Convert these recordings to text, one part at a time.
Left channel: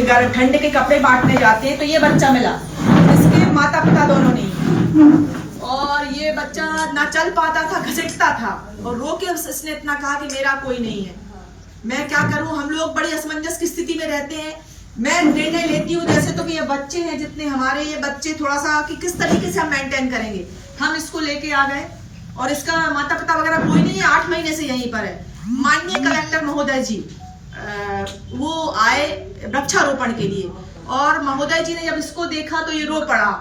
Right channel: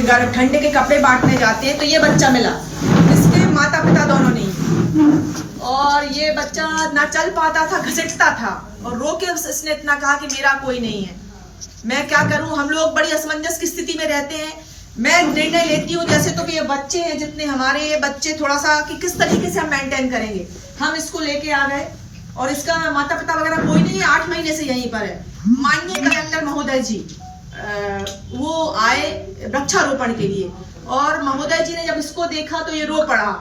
ये ठंड के कपड़े बांटने जाते हैं तो ये बच्चा मिला, इसके माता पिता दोनों नहीं, और ये बच्चा ना चल पाता था, घसीटता था, और रो के इसने इतना कहा कि मेरा कोई नहीं है, मैं क्या करूं। हम लोग बड़ी असमंजस की स्थिति में रहते हैं। मैं निर्णय लेती हूँ जैसे तो कि ये बच्चे हैं जितने हमारे, ये बच्चे थोड़ा सा कि किस तरीके से हम मेंटेन करेंगे। हम इसको लेके आ गए और इसका माता पिता वगैरह कोई नहीं है, 8 महीने से यहीं पर है। माननीय कलेक्टर महोदय जी वो आए वृक्षारोपण के लिए, और महोदय जी ने जब इसको देखा तो ये रो पड़ा।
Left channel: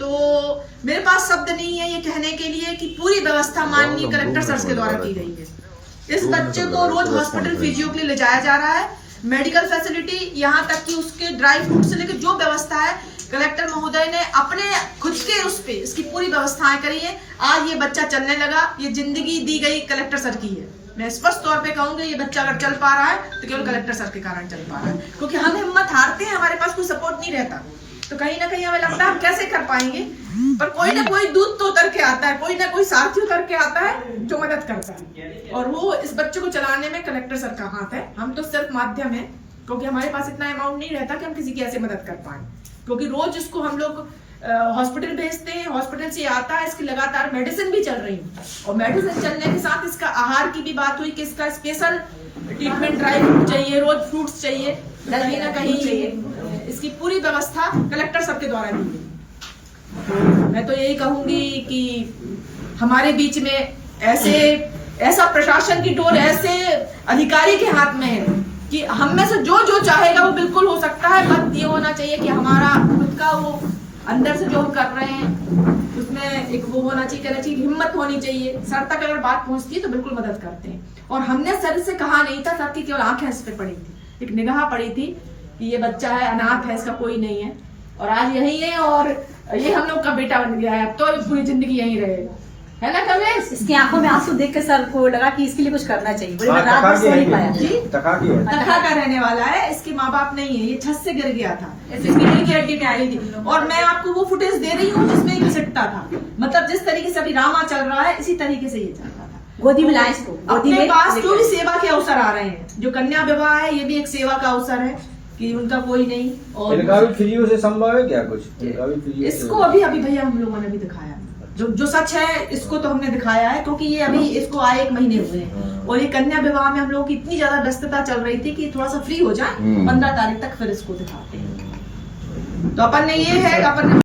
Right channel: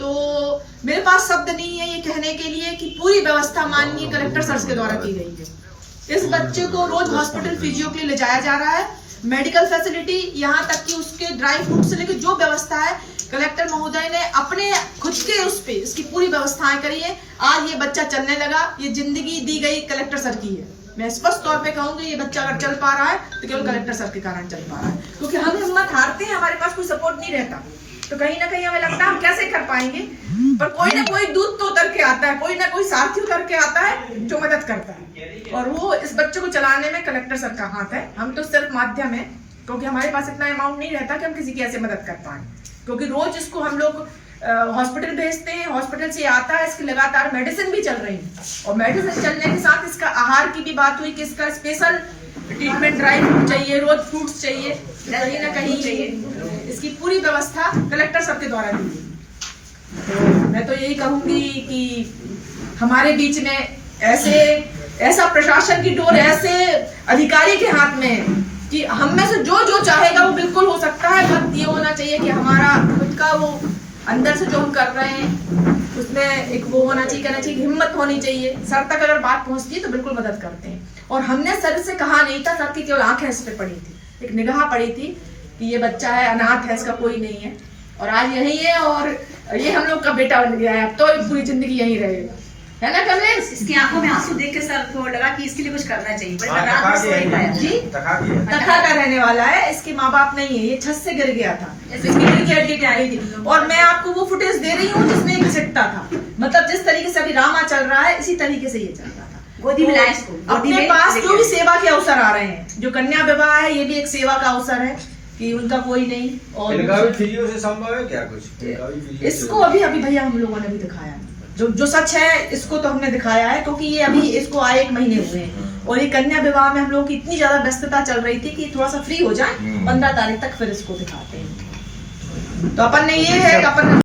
तो मेरे पास शब्द नहीं है ये कहने के लिए कि पूरी व्यवस्था माननीय कलेक्टर सर के द्वारा की गई है। इस बच्चे को रोज हॉस्पिटल फिजियो के लिए ले जाया जा रहा है, मेडिकल फैसिलिटी, यहाँ तक कि उसके ड्राई फ्रूट से लेकर जो व्यवस्था है कलेक्टर महोदय ने अपने खुद के उस पे इसकी पूरी व्यवस्थाएं करी है। आज ये बच्चा चलने लगा, ये जिंदगी दी गई कलेक्टर सर की है। मैं स्पष्ट तौर पे कहूंगी ये बच्चा अगर चल पा रहा है तो केवल कलेक्टर सर के कारण चल पा रहा है, क्योंकि हम हिम्मत हारते हैं, हमारे पास कोई सपोर्ट नहीं रहता, तो कहीं ना कहीं हमें लगता है हम कैसे कर पाएंगे, पर कोई ना कोई दूत तो उतर के आता है, कोई ना कोई साथी उतर के आता है जो मदद करता है, और वो इस बच्चे को चलाने में कलेक्टर सर का हाथ है। हम तो सिर्फ माध्यम है, क्योंकि हमारे पास इतना अमाउंट नहीं रहता कि हम किसी की ऐसे मदद कर पाए, क्योंकि रोज इसको हम लोग हॉस्पिटल भेजते हैं, हॉस्पिटल से आता है, इसकी लगातार मेडिसिन भी चल रही है, और मेडिसिन चलने के साथ इसका आहार की भी बात हुई कि इसका स्पेशल ट्रीटमेंट, ड्राई फ्रूट चाहिए, रोज फ्रूट्स चाहिए, कहीं ना कहीं चाहिए। इसकी पूरी व्यवस्था कलेक्टर सर के द्वारा दी गई। तो मैं तो यही कहूंगी कि हमारे बीच में ऐसा प्रशासन की डोर ऐसे अधिकारी के हाथ में है कि हम में से जो जो चाहेगा वो बिल्कुल हो सकता है। बस ये होना चाहिए कि हमारा खुद का वो अंदर से जो हम कर रहे हैं उसमें एक वो होना चाहिए, कहना चाहिए, हिम्मत होनी चाहिए। सर तक अगर बात पहुंचती है तो बिल्कुल मदद करते हैं। और हमने सर से कहा नहीं था, सर की केवल आंखें इस पे पड़ी थी, एक निगाह पड़ी थी कि ये बच्चा है, अनाथ है, इसका कोई नहीं है, और आज यही है, और ये हम लोग का बेटा बन गया है, अब तो पूरी जिंदगी यहीं रहेगा, है ना कमलेश? इसकी आंखों में आंसू देख के सर को लगा कि इसके लिए कुछ करना चाहिए। बड़ी रात भर सो नहीं पाया जी, तखा का रहने वाला है, इसके माँ बाप नहीं है, ये छत से गिर गया था, इसकी रीढ़ की हड्डी आई थी, और मैं आपको वो फुटेज दे रही हूँ जिसमें घसीटता था, मतलब जिस तरीके से अभी ड्रामा चल रहा है इसी तरीके से ये चल रहा था। गोदी में लाया इसको, अपने पास जो भी सेवा के अवसर आ रहे हैं, जो कन्या विवाह है ये भी एक सेवा का अवसर है कि उनका कोई नहीं, और इनका भी फिजियो से संभव है क्या कुछ? इसको अभी भैया हम लोगों ने भी दिखाया नहीं, जो सच है इसको तो हमने दिखाया है, क्योंकि ये अभी इसको आए 1 महीने हुए हैं, और ये कन्या विवाह में हम लोगों की इतनी ज्यादा व्यस्तता चल रही थी कि थोड़ा सा फ्री हो जाए, 15 तारीख तक फिर इसको दिखाते हैं। तो अपन ने ये है अपन